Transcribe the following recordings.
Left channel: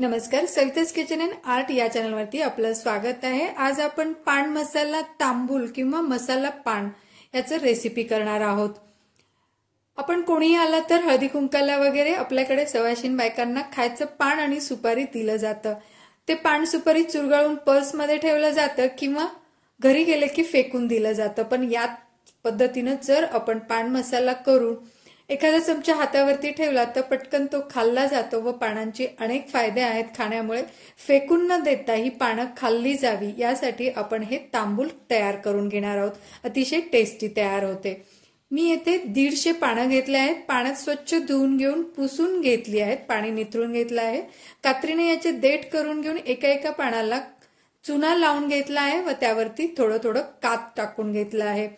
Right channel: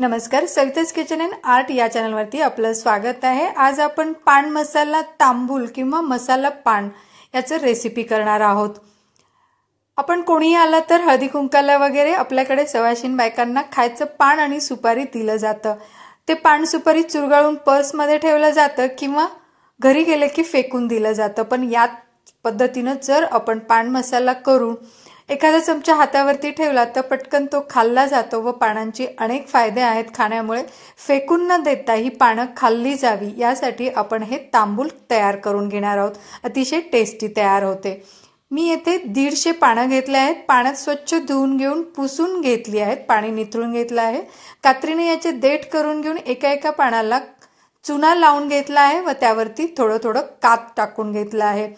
नमस्कार, Savita's kitchen and art या चॅनलवरती आपलं स्वागत आहे। आज आपण पान मसाला तांबूल किंवा मसाला पान याचं रेसिपी करणार आहोत। आपण कोणी आला तर हळदी कुंकाला वगैरे आपल्याकडे सवाशीण बायकांना खायचं पान आणि सुपारी दिलं जातं। ते पान सुपारी चुरगाळून पर्समध्ये ठेवलं जातं किंवा घरी गेले की फेकून दिलं जातं। पण या पद्धतीने जर आपण पान मसाला करून एखादा चमचा हातावरती ठेवला तर पटकन तो खाल्ला जातो व पानांची अनेक फायदे आहेत खाण्यामुळे। फेकून न देता ही पानं खाल्ली जावी यासाठी आपण हे तांबूल तयार करून घेणार आहोत। अतिशय टेस्टी तयार होते। मी येथे 150 पानं घेतले आहेत। पाण्यात स्वच्छ धुवून घेऊन पुसून घेतली आहेत, पाणी निथळून घेतलं आहे। कात्रीने याचे देठ करून घेऊन एका एका पानाला चुना लावून घेतला आहे व त्यावरती थोडं थोडं काप टाकून घेतला आहे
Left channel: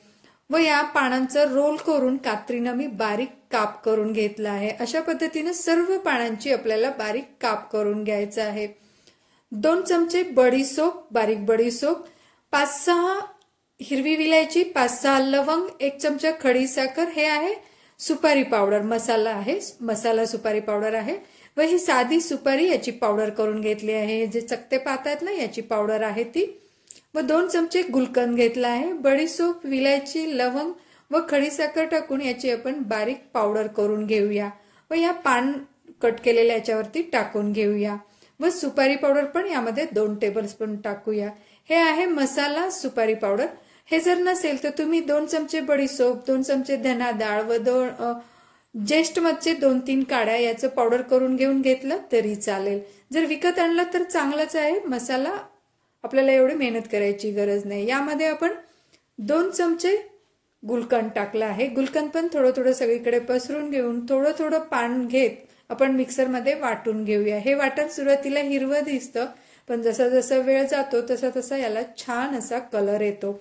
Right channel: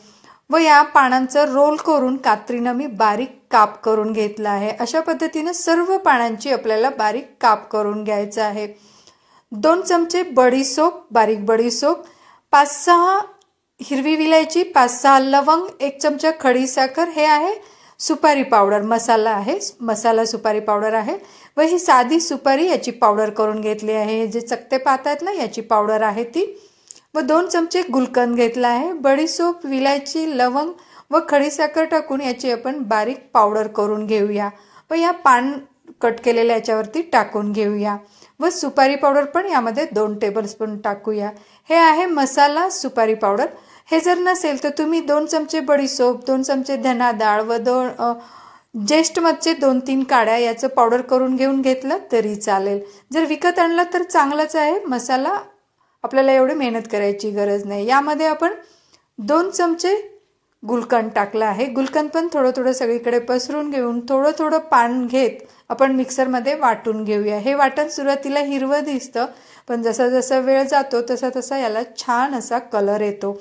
व या पानांचा रोल करून कात्रीने मी बारीक काप करून घेतला आहे। अशा पद्धतीने सर्व पानांची आपल्याला बारीक काप करून घ्यायचं आहे। 2 चमचे बडीशोप, बारीक बडीशोप, 5-6 हिरवी विलायची, 5-6 लवंग, 1 चमचा खडी साखर, हे आहे सुपारी पावडर, मसाला आहे, मसाला सुपारी पावडर आहे व ही साधी सुपारी याची पावडर करून घेतली आहे। हे जे चकते पाहतात ना याची पावडर आहे ती, व 2 चमचे गुलकंद घेतला आहे। बडीशोप, विलायची, लवंग व खडी साखर टाकून याची आपण बारीक पावडर करून घेऊया व या पान कट केलेल्या याच्यावरती टाकून घेऊया व सुपारी पावडर पण यामध्ये 2 टेबलस्पून टाकूया। हे आहे मसाला सुपारी पावडर। हे जर नसेल तर तुम्ही 2 चमचे बडीशोप, 2 चमचे धना डाळ व 2 जेस्ट मधचे 2-3 काड्या याचं पावडर करून घेऊन घेतलं तरी चालेल। जर विकत आणलं तर चांगलंच आहे। मसाला आपल्याला एवढी मेहनत करायची गरज नाही। यामध्ये आपण 2 चमचे गुलकंद टाकला आहे। गुलकंद पण थोडं थोडं सगळीकडे पसरून घेऊन थोडं थोडं पान घेत आपण मिक्सरमध्ये वाटून घेऊया। हे वाटण सुरुवातीला हिरवं दिसतं पण जसा जसा वेळ जातो तसा तसा याला छान असा कलर येतो।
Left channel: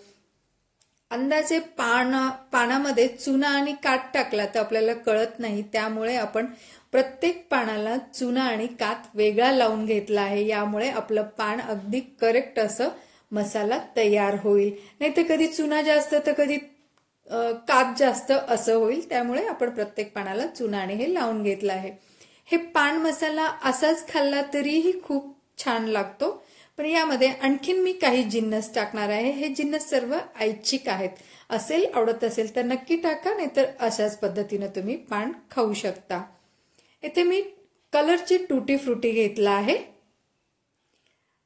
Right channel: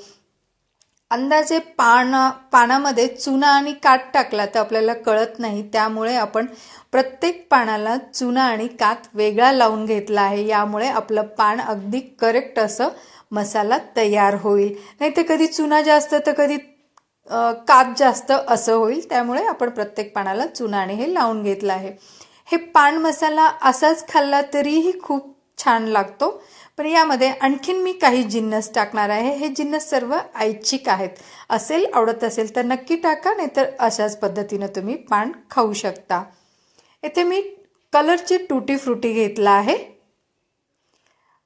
अंदाजे पानामध्ये चुना आणि कात टाकला तर आपल्याला कळत नाही, त्यामुळे आपण प्रत्येक पानाला चुना आणि कात वेगळा लावून घेतला आहे। यामुळे आपलं पान अगदी करेक्ट असं मसाला तयार होईल। नाही तर कधी चुना जास्त तर कधी कात जास्त असं होईल, त्यामुळे आपण प्रत्येक पानाला चुना आणि हे लावून घेतलं आहे। हे पान मसाला असाच खाल्ला तरीही खूप छान लागतो, पण यामध्ये आणखीन मी काही जिन्नस टाकणार आहे। हे जिन्नस सर्व ऐच्छिक आहेत। असेल आवडत असेल तर नक्की टाका, नाहीतर अशाच पद्धतीने तुम्ही पान खाऊ शकता। इथे मी कलरची टूटी फ्रुटी घेतला आहे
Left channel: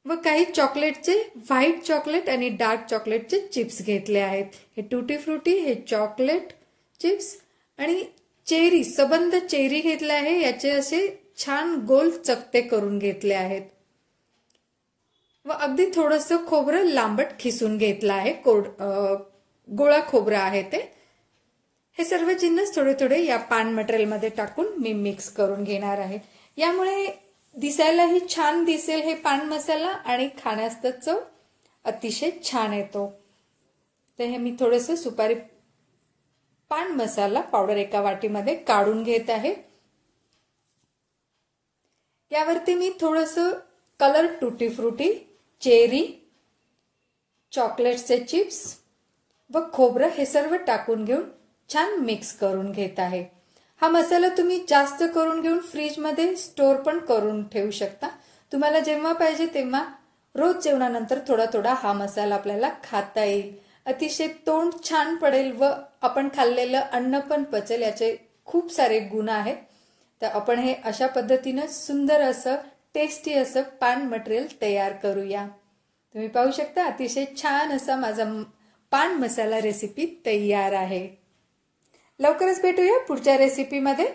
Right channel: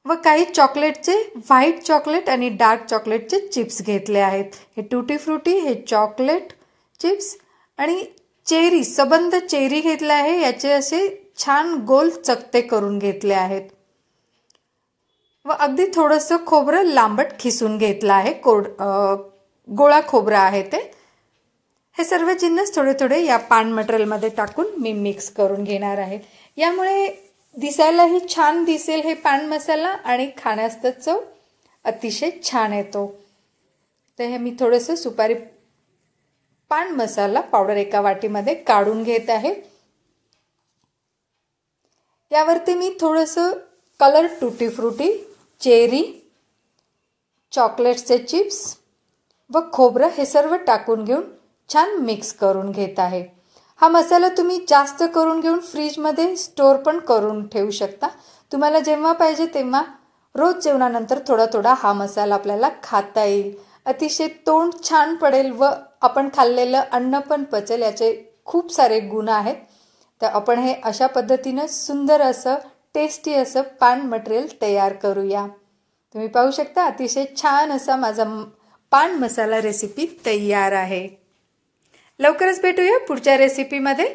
व काही चॉकलेटचे व्हाईट चॉकलेट आणि डार्क चॉकलेटचे चिप्स घेतले आहेत। हे टूटी फ्रुटी, हे चॉकलेट चिप्स आणि चेरी, सबंध चेरी घेतला आहे। याचे असे छान गोल चकते करून घेतले आहेत व अगदी थोडंसं खोबरं लांबट खिसून घेतलं आहे। गोळा खोबरं आहे ते। हे सर्व जिन्नस थोडे थोडे या पान मटेरियलमध्ये टाकून मी मिक्स करून घेणार आहे। यामुळे दिसायलाही छान दिसेल हे पान मसाला आणि खाण्यास तर चव अतिशय छान येतो। तर हे मी थोडंसं सुपारी पान मसाला पावडर एका वाटीमध्ये काढून घेत आहे। यावरती मी थोडंसं कलर टूटी फ्रुटी, चेरी, चॉकलेटचे चिप्स व खोबरं हे सर्व टाकून घेऊन छान मिक्स करून घेत आहे। हा मसाला तुम्ही जास्त करून घेऊन फ्रीजमध्ये स्टोर पण करून ठेवू शकता। तुम्हाला जेव्हा पाहिजे तेव्हा रोज जेवणानंतर थोडा थोडा हा मसाला आपल्याला खाता येईल। अतिशय तोंड छान पडेल व आपण खाल्लेलं अन्न पण पचेल, याचे खूप सारे गुण आहेत। तर आपण हे अशा पद्धतीने सुंदर असं टेस्टी असं पान मटेरियल तयार करूया। तुम्ही पाहू शकता अतिशय छान असा माझा पान मसाला रेसिपी तयार आहे। लवकरच भेटूया पुढच्या रेसिपीमध्ये।